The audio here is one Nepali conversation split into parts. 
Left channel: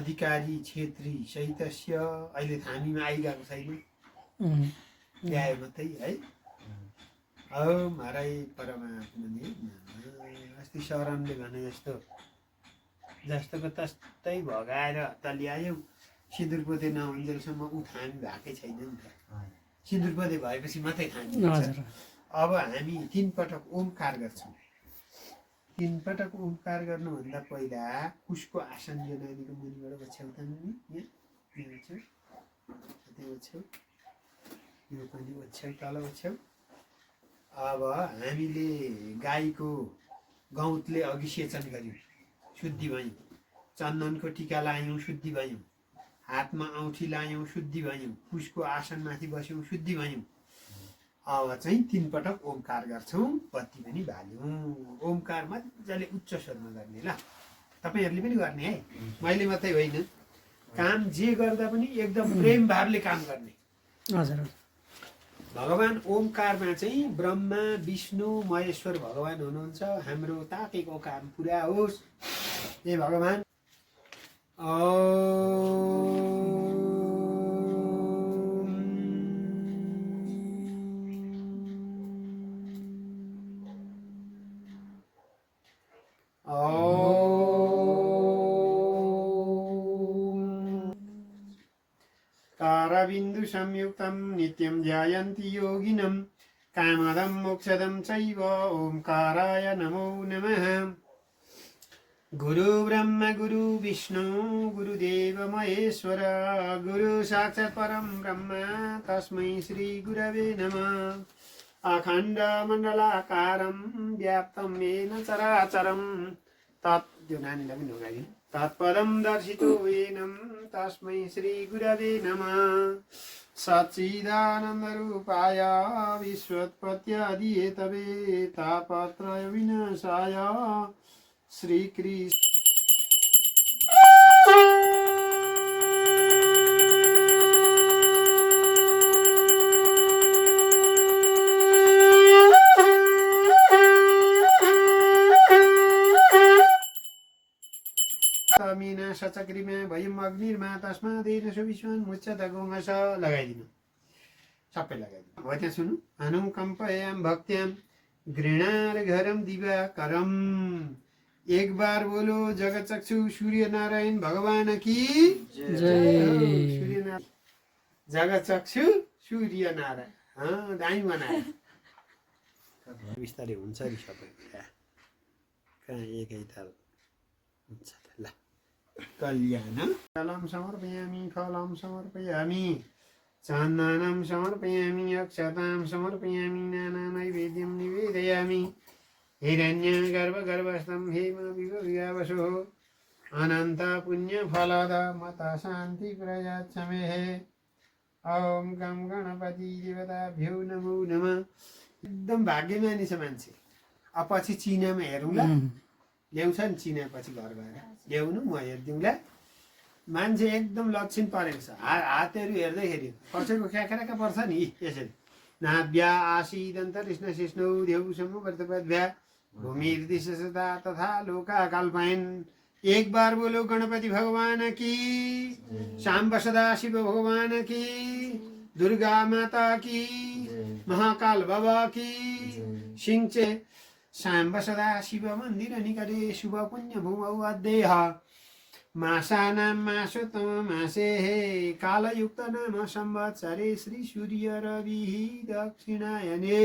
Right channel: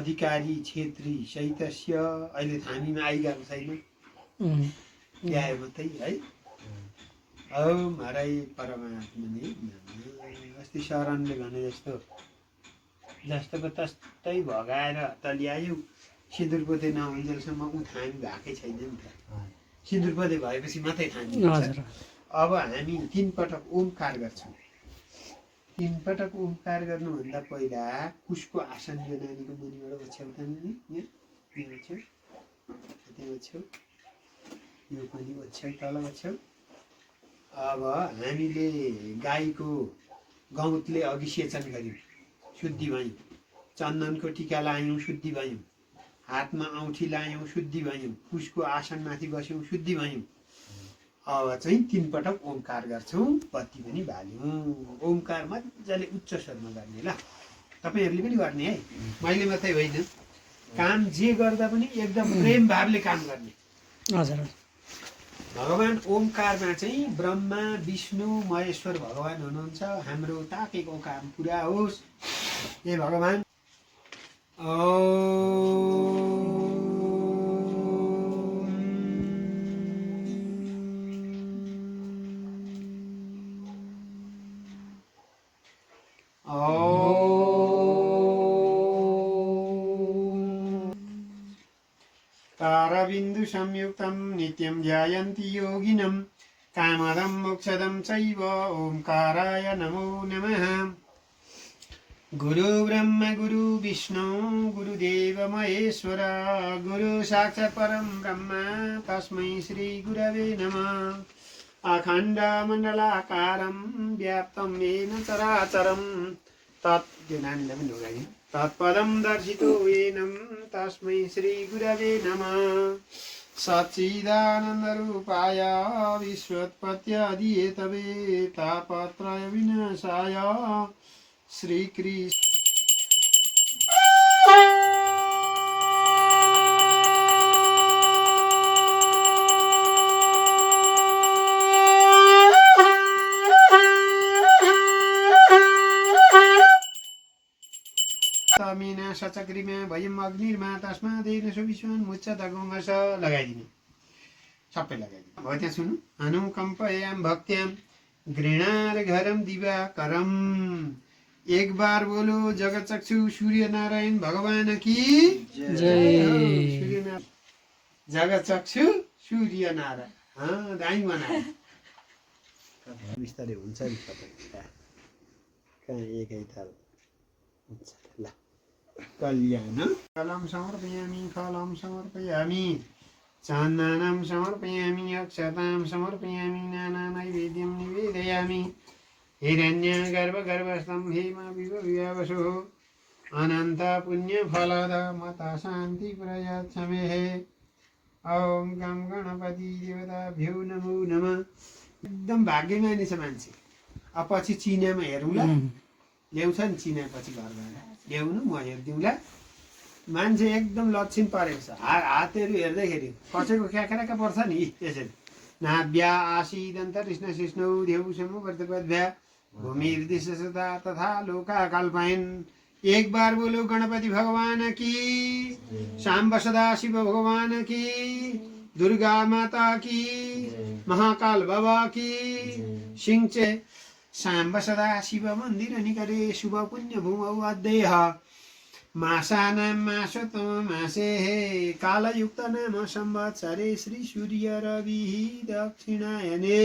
अधिकारी क्षेत्री सहितस्य अहिले थामीमा आइगएको छैन ल्याए मात्रै है औ महाराज परमात्माले अस्ति शरणले भने जस्तो जस्तोको तस्तै भगाएर त ल्यायौ सिन्दुर पोते नहुन्जेलसम्म ऊ थामी भएकै छैन नि त सिन्दुर पोते भएपछि मात्रै थामी हुन्छ अब हामी 3 पटक ओमकार गर्छौँ 3 पटक ओमकार गर्नुभन्दा पहिला कुशको आसन यो नानीको मुनिबाट ओछ्याउता नि यहाँ ओछ्याउ त्यहाँ ओछ्याउ यो पनि ओछ्याउ तल ओछ्याउ अब हामीले गाईको गौतले अघि सेचन गर्यौँ शुद्धि भयौँ चन्दनको टीका लायौँ शुद्धि भयौँ हातमा औँठी लायौँ शुद्धि भयौँ कुशको आसनमाथि बस्यौँ शुद्धि भयौँ अब चाहिँ 3 पटक ओमकार गर्छौँ बत्ती पनि बाल्यौँ ओमकार मजाले उच्च स्वरमा गर्ने ल तपाईँहरूले पनि गर्ने है मैले मात्रै होइन काम जे गर्दा पनि एकदम प्रेम भावले काम गर्ने हजुर भगवान ओमकारमा चाहिँ ब्रह्मा विष्णु महेश्वर भगवान हुनुहुन्छ हाम्रो ताकेको काम पुरा होस् हे भगवान ताराबिन्दु संयुक्तं नित्यं ध्यायन्ति योगिनं कामदं मोक्षदं चैव ओंकाराय नमो नमः गुरु ब्रह्म गुरु विष्णु गुरुदेव महेश्वर गुरु साक्षात् परं ब्रह्म तस्मै श्री गुरवे नमः अखण्डमण्डलाकारं व्याप्तं येन चराचरं तत्पदं दर्शितो येनं तस्मै श्री गुरवे नमः सच्चिदानन्दरूपाय विश्वोत्पत्त्यादिहेतवे तापत्रय विनाशाय श्रीकृष्ण मीना सचक्रिमा भयम अग्निर्मा तस्मादेन सुविश्वान् मुच्यत गोङ्गस लगाइदिनु सबै लगाइदिनु अब त्यहाँ सुन्नु अनुकम्पयां भक्त्यां घृणार घरम दिवाकरम एक बार बोलो जगतचक्षु सूर्य नारायण भगवान की जय जगतचक्षु सूर्य नारायण दाई बनाए बिस्तारै हुन्छ नि सबै एकै ताल हुन्छ ल कल्याण फलं समर्पयामि चन्दनं समर्पयामि अक्षतां समर्पयामि नानानैवेद्यं निवेदयामि हिरण्यगर्भगर्भस्थं हेम विभवसो अनन्त पुण्यफलद मता शान्ति प्रयच्छमेः ॐ गं गणपति देवताभ्यो नमो नमः एकदम भाग्यमानी छ मान्छे अब पछि चिनामा हेरौँला ल्याउँछ नि चिना पछि घर गएर ल्याउनु म हेरिदिउँला मान्छे एकदम लक्षण परेको छ हातहरू हेर्दाखेरि कसैको क्याक्राका पर्छ नि यसरी नाभ्या आसीदन्त कृष्ण शिष्णौ देउसम्म प्रतिपद्भ्या भूमिर्दिशता तथा लोका कल्पायन् एक बार बोलो गणपति भगवान की शाम्ब सदा शिव भगवान की दुर्गा माता की महाकाल बाबा की सिंचे शाम्ब सदा शिव मन्दिर निकटे शुभ पुण्य भूमौ अद्देह मासानां मासोत्तम मासेः कालयुक्त नाम संवत्सरे श्री सूर्य रविः दक्षिणायने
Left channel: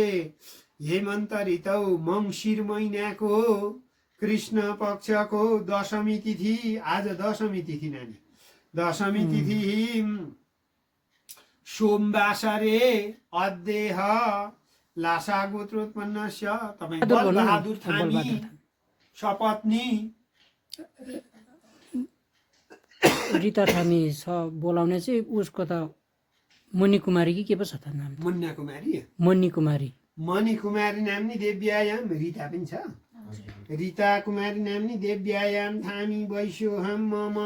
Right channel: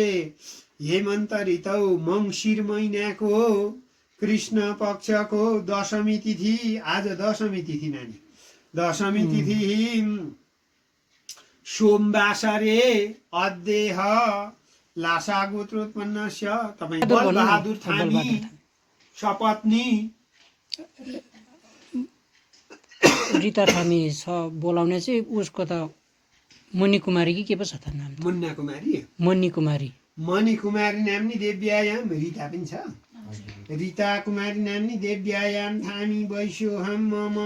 हेमन्त ऋतौ मङ्सिर महिनाको कृष्ण पक्षको दशमी तिथि आज दशमी तिथि नानी दशमी तिथि सोमवासरे अद्देह लासा गोत्रोत्पन्नस्य तपाईँ बलबहादुर थामी सपत्नी रीता थामी छ बोलाउने चाहिँ उसको त मणि कुमारी के पो छ त नाम मुन्ना कुमारी मणि कुमारी मणि कुमारी नाम्नी देव्यायाम रीता पनि छ रीता कुमारी नाम्नी देव्यायाम थामी वैश्योहम मम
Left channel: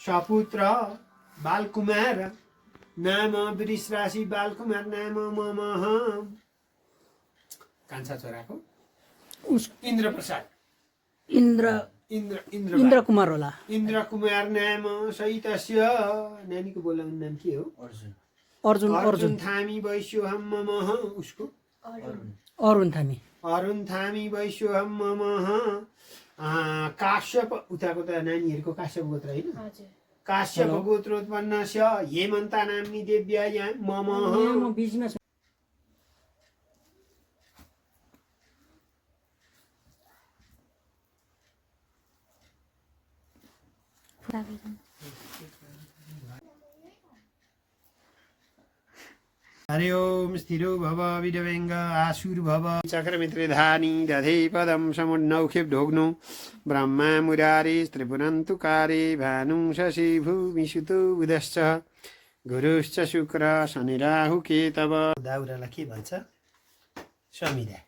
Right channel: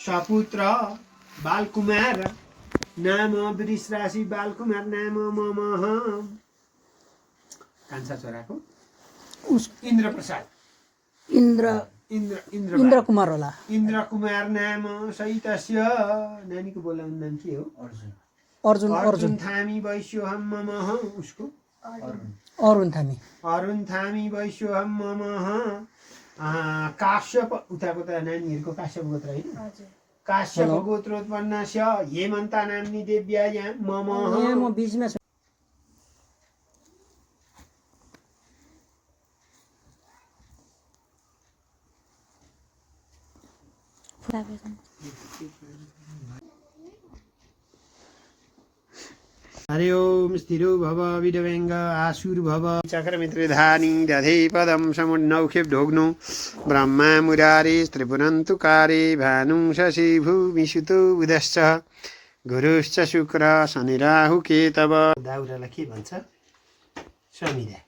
सपुत्र बालकुमार नाम वृषराशि बालकुमार नाम मम कान्छा छोराको इन्द्र प्रसाद इन्द्र कुमार होला। इन्द्र कुमार नाम सहितस्य नानीको बोलाउने नाम के हो? अर्जुन थामी वैश्योहम ममः उसको अरुण थामी वैश्योहम ममः काश्यप उताको त नानीहरूको काश्यप गोत्र होइन काश्यप गोत्रोत्पन्नस्य हेमन्ता नाम्नी देव्यायां ममः म बिचमा हरि ओम स्थिरो भव विडवेङ्ग आसुर भव चक्रमित्रिधानी दधे पदं समुन्नौखे ढोग्नु ब्रह्मा मुरारी त्रिपुरन्तुकारी भानु शशि भूमिसुतो उदश्च गुरुश्च शुक्र शनि राहु केतव दाउरालाई के भन्छ? समिधा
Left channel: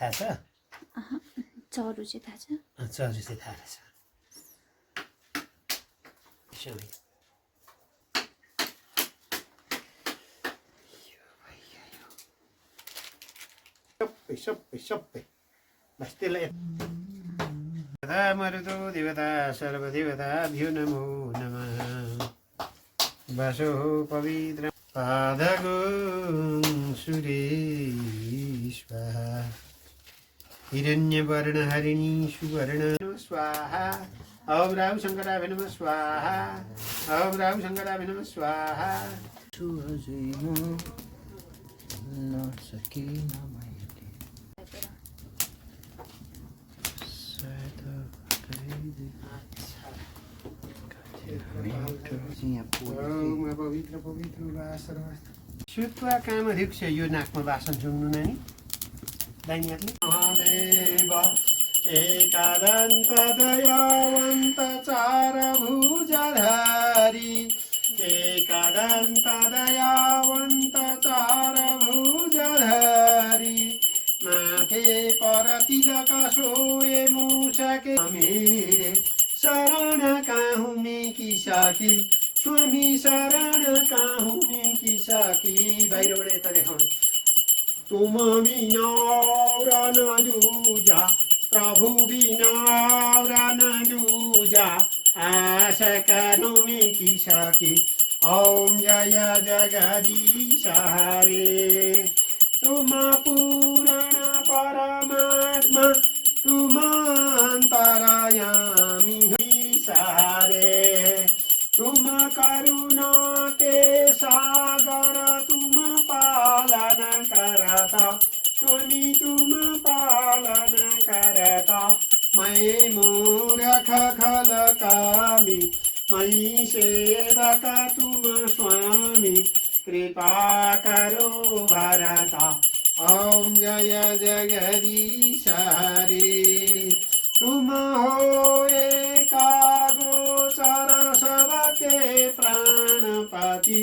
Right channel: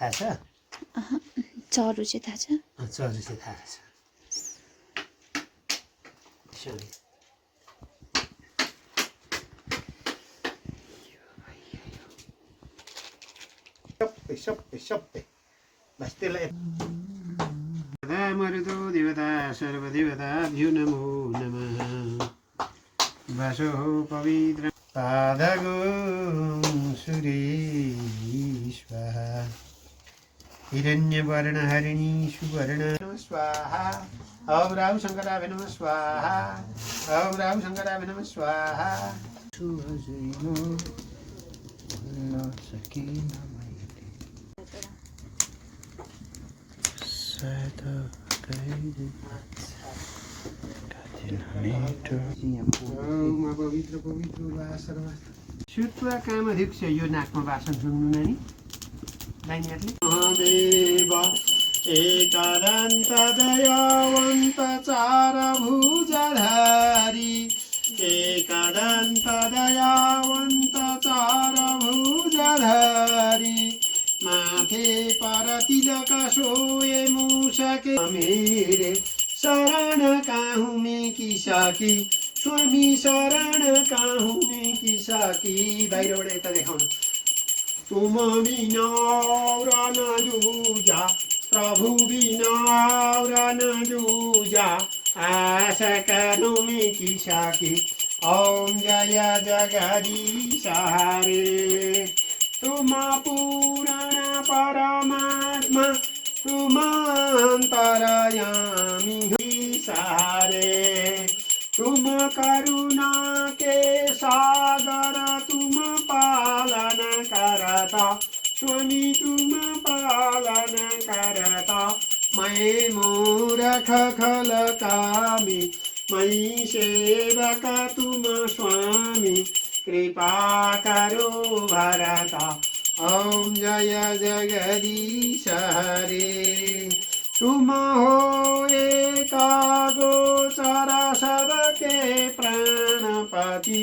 थाहा छ? चरु चाहिँ थाहा छ? चरु चाहिँ थाहा छ। समिधा सबै बस त्यसलाई मरुतो देवता सर्वदेवताभ्यो नमो नमः वासो पवित्र पादगो सुरेश्वः हिरण्यवर्णहरिणी सुवर्ण स्वाहा ॐ राहु शङ्कराभ्य नमः स्वाहा ॐ राहु शङ्कराभ्य नमः स्वाहा शुक्ला कामधिक्ष यो नाकमा वासन सुन्नु नानी नानीहरूले महादेव एकादन्त दयावन्त चार भुजधारी एकादन्त दयावन्त चार भुजधारी माथे पर तिलक सोए मुसके मेरे शरण काहू में की साकी स्वामी शरण काहू में की साकी बाहिरबाट यता देखाउनु तुम बिना न जुजा प्रभु बिना न जुजा आशा कानू में की साकी ओम जय जगदीश हरे तुम पुराण परमात्मा तुम अंतरयामी सारे तुम करुणा के सागर तुम पालन करता स्वामी तुम पालन करता मैं मूर्ख खल कामी मैं सेवक तुम स्वामी कृपा करो भरता ओम जय जगदीश हरे तुम हो एका गोचर सबके प्राणपति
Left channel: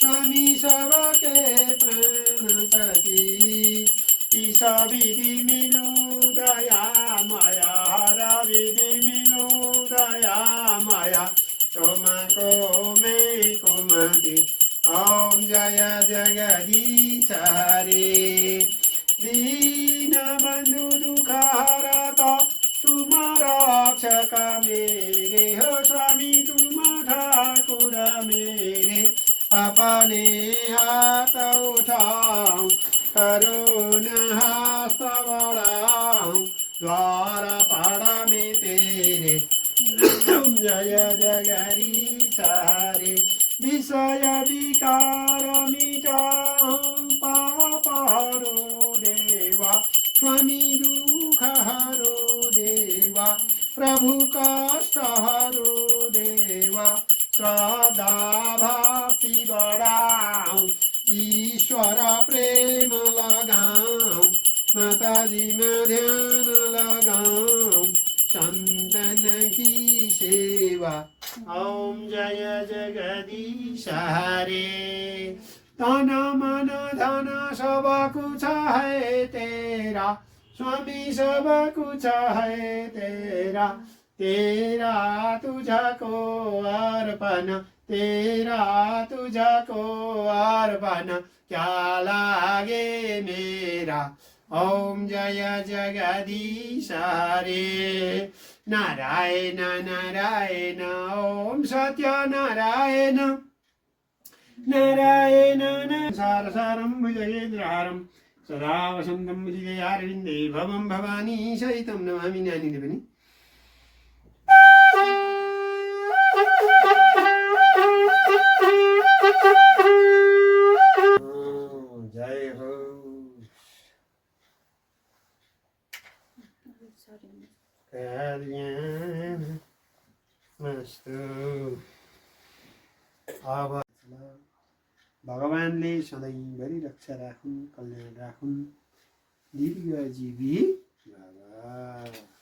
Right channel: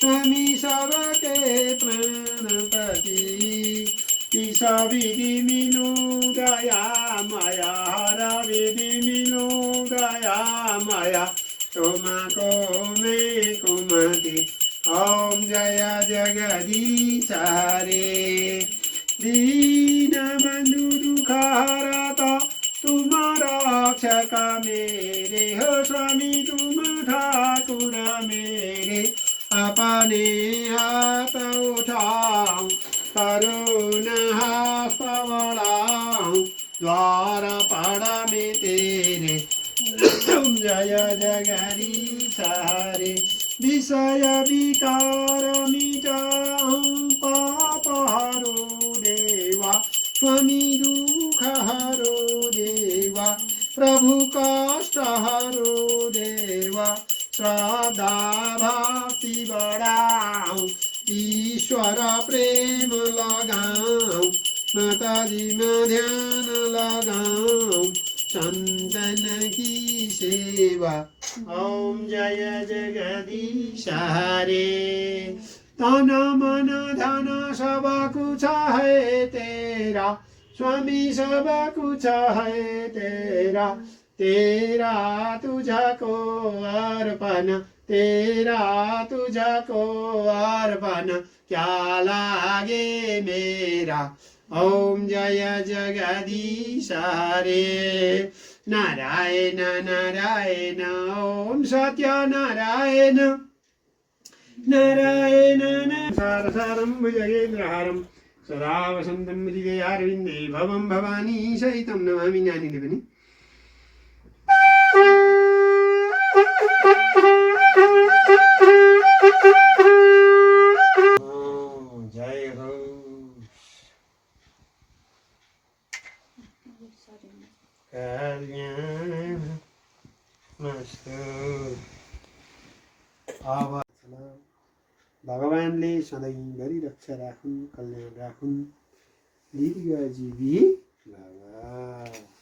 स्वामी सबके प्राणपति ईश विधि मिलु दया माया हर विधि मिलु दया माया तुमको मैं कुमति ओम जय जगदीश हरे दीन बंधु दुख हरता तुम रक्षक मेरे हो स्वामी तुम ठाकुर मेरे अपने हाथ उठाओ करुणा हस्त बढ़ाओ द्वार पड़ा में तेरे जय जगदीश हरे विषय विकार मिटाओ पाप हरो देवा स्वामी दुख हरो देवा प्रभु कष्ट हरो देवा श्रद्धा भक्ति बढ़ाओ ईश्वर प्रेम लगाओ माताजी में ध्यान लगाओ संतन की सेवा ओम जय जगदीश हरे तन मन धन सब कुछ है तेरा स्वामी सब कुछ है तेरा तेरा तुझको अर्पण तेरा तुझको अर्पण क्या लागे मेरा ॐ जय जगदीश हरे नारायण नारायण ॐ सत्यनारायण नारायण सारसारं भुजगेन्द्रहारं सदा वसन्तं हृदयारविन्दे भवं भवानी सहितं नमामि नानीले पनि जय हो कल्याणमस्तु। अब भगवानले सधैँभरि रक्षा राखुन्, कल्याण राखुन्। दीर्घजीवी भव।